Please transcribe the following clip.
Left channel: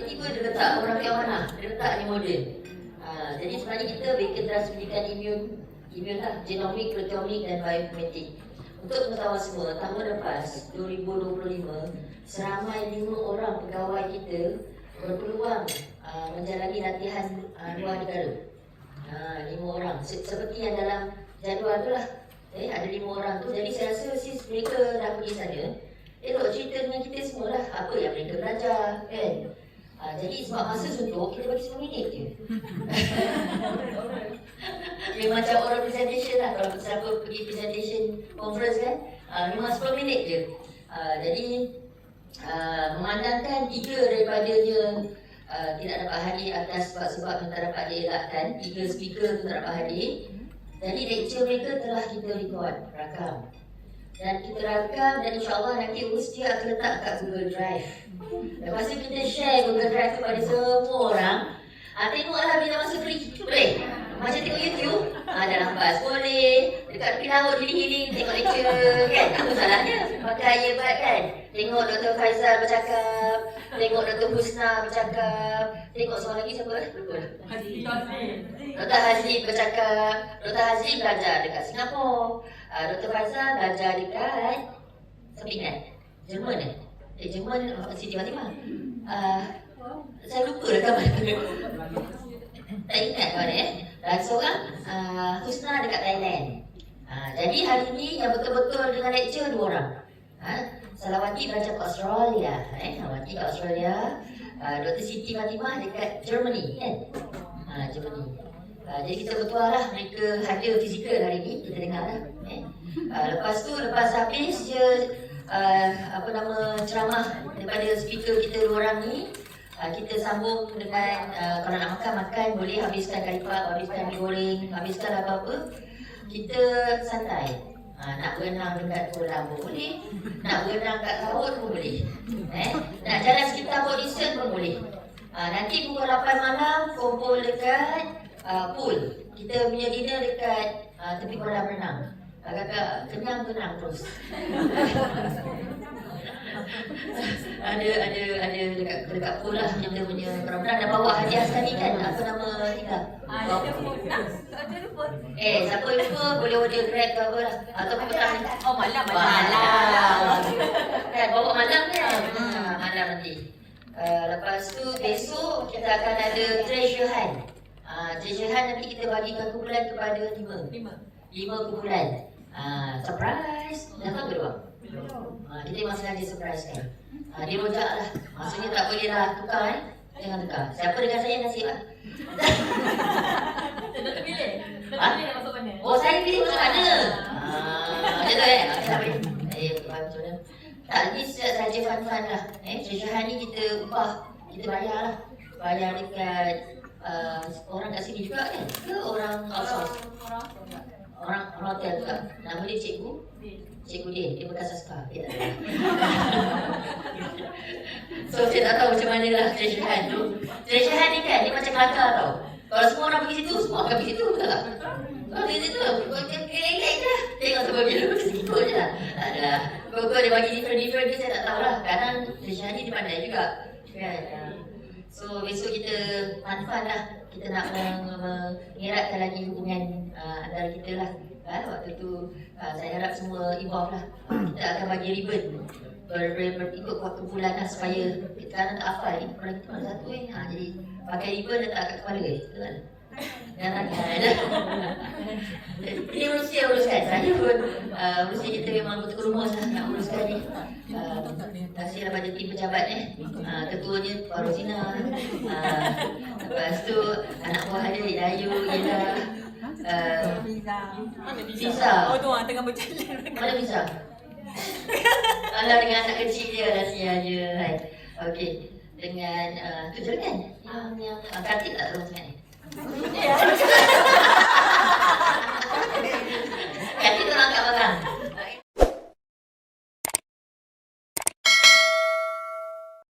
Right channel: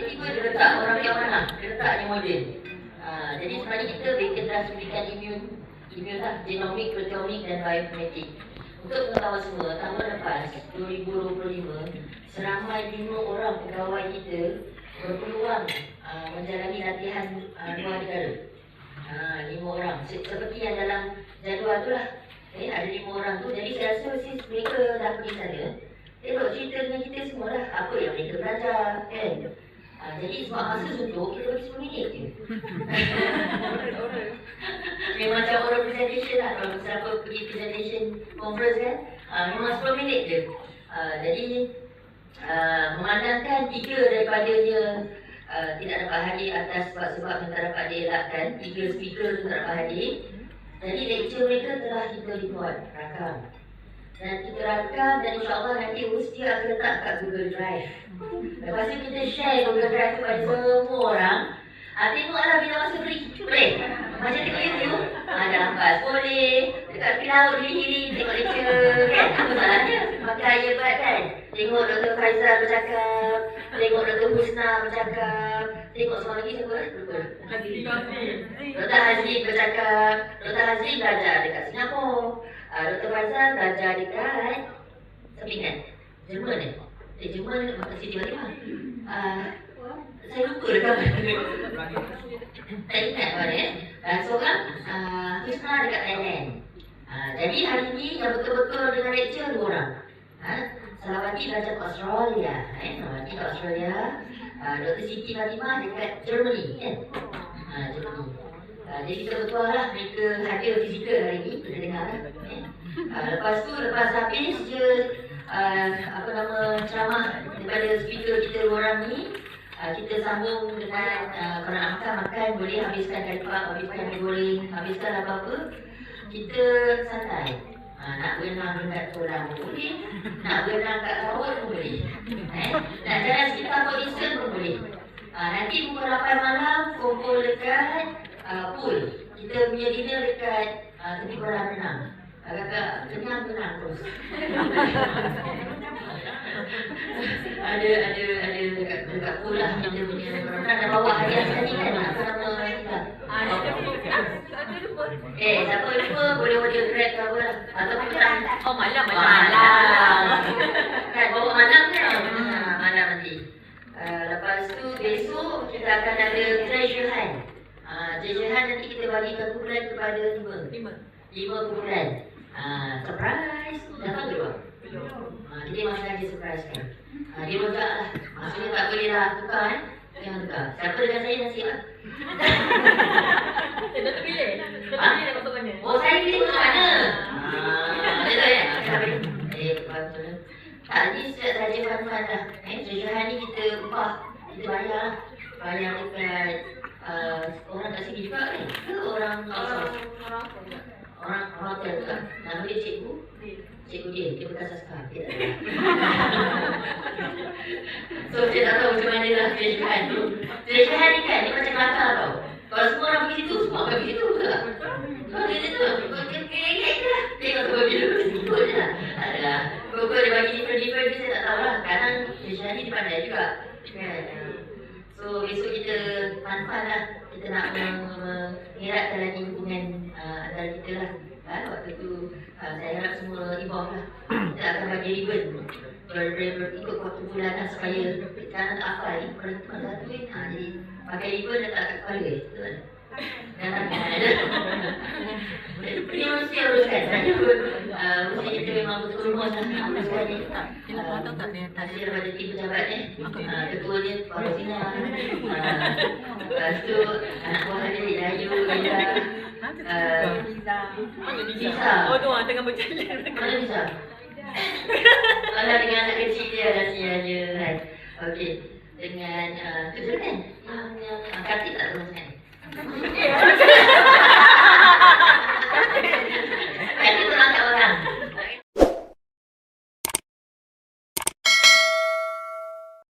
tiba-tiba dia letak orang yang mana? Dia letak ni model. Jadi sebenarnya kita telah berikan immune lah, genomic, proteomic dan bioinformatic. Untuk pengetahuan semua, tahun lepas 2025, seramai 5 orang pegawai kita berpeluang menjalani latihan luar negara. 5 orang, seperti yang dalam jadual tu lah. Ada 5 orang tu, jadi saya rasa since mereka dah pergi sana, tengok cerita dengan kita semua lah, apa yang mereka belajar kan. Jadi sebab masa suntuk, kita bagi 10 minit je. Memang macam oral presentation lah, kalau siapa pergi presentation conference kan, memang 10 minit je. Jadi memandangkan 3 daripadanya tidak dapat hadir atas sebab-sebab yang tak dapat dielakkan, 3 speaker tu tak dapat hadir. Jadi lecture mereka telah kita record, rakam. Dan kita rakam dan insyaAllah nanti mesti akan letak kat Google Drive. Lepas tu kita share Google Drive kepada semua orang. Tengoklah bila masa free, boleh? Macam tengok YouTube, dalam bas boleh, dekat tepi laut hiling-hiling tengok lecture kan? Apa salahnya? Pakai earbud kan? Tengok Dr. Faizal bercakap, tengok Dr. Husna bercakap, tengok seorang lagi siapa? Lupa. Dr. Hazli bercakap, Dr. Hazli belajar dekat Singapura, Dr. Faizal belajar dekat Sepingan, Jerman Jerman Siti Fatimah. Saya lupa dah kabar. Tak ingat mana dan seorang Husna dekat Thailand. Jadi hari ni yang betul-betul dengan lecture 2 orang. Salawati belajar kat Australia, Salawati kat Australia. Dr. Siti Fatimah dekat Germany kan. Germany. Jadi kita betul lah mereka hadir fizikal hari ni, kita dengar lah. Lepas habis je ceramah daripada speaker kita 2 orang ni, kita sambung dengan kalau nak makan boleh, habiskan karipap, habiskan mie goreng, habiskan apa-apa. Kita santai. Nak berenang dekat kolam pun boleh, nak berenang kat laut pun boleh, nak jalan sekitar Port Dickson pun boleh. Nanti pukul 8 malam kumpul dekat pool. Kita punya dinner dekat tepi kolam renang. Agak-agak kenyang terus. ada dekat pool lah kita punya kolam renang. Dan bawa hadiah sekali kan, apa nama kita? Siapa lupa boleh order Grab ke apa lah. Ataupun kita malam kan, bawa malam kan. Malam nanti. Lepas tu besok kita akan ada treasure hunt. Treasure hunt nanti kita bagikan kumpulan kepada 5 kumpulan. Surprise. Dah tahu ke bang? Kita memang sengaja surprise kan. Dia rojak lah. Maksudnya tak boleh lah tukar kan. Jangan tukar. Siapa dengan saya nasib lah. Dah terpilih? Dah masuk mana? Oh, saya pilih masuk mana? Macam tu ya? Macam mana? Tak, ni saja fun-fun lah. Treasure hunt ni kita upah, kita bayar lah. Bayar dekat orang kat sini juga kan? Ke orang outsource? Orang hotel juga. Nama dia cikgu? Cikgu dia bekas askar. Dia tak tahu. So, saya tak tahu macam mana lah treasure hunt tu. Treasure hunt ni kan, dia macam kelakar tau. Kalau semua orang pergi situ, semua akan pergi situ, betul tak? Kalau pergi situ, kira-kira je lah. Tengok semua bila pergi situ je lah. Adalah, kau dia bagi different ni saya tak tahulah. Kadang treasure hunt ni dia pandai juga. So, besok kita fun-fun lah. Kita nak mengeratkan lagi hubungan antara kita lah. Waktu tu saya harap semua involve lah. Kita akan bagi ribbon berikut kumpulan lah supaya sekarang tak hafal ni. Kalau kita mana satu jadi pakai ribbon letak kat kepala betul kan? Dan tangan. Dia mesti uruskan. Saya pun mesti kita memang betul rumus lah nak uruskan ni. Hasil daripada tim pejabat ketua dia Pak Rosina. Lepas tu anak buah dia Dayu, Ida, Lisa. Oh tu orang tengah berjalan. Mana Lisa? Alah dengan anak kecil dia dah siap je kan. Okey. Dengan tu je kan? Yang Kartik tak tahu macam mana?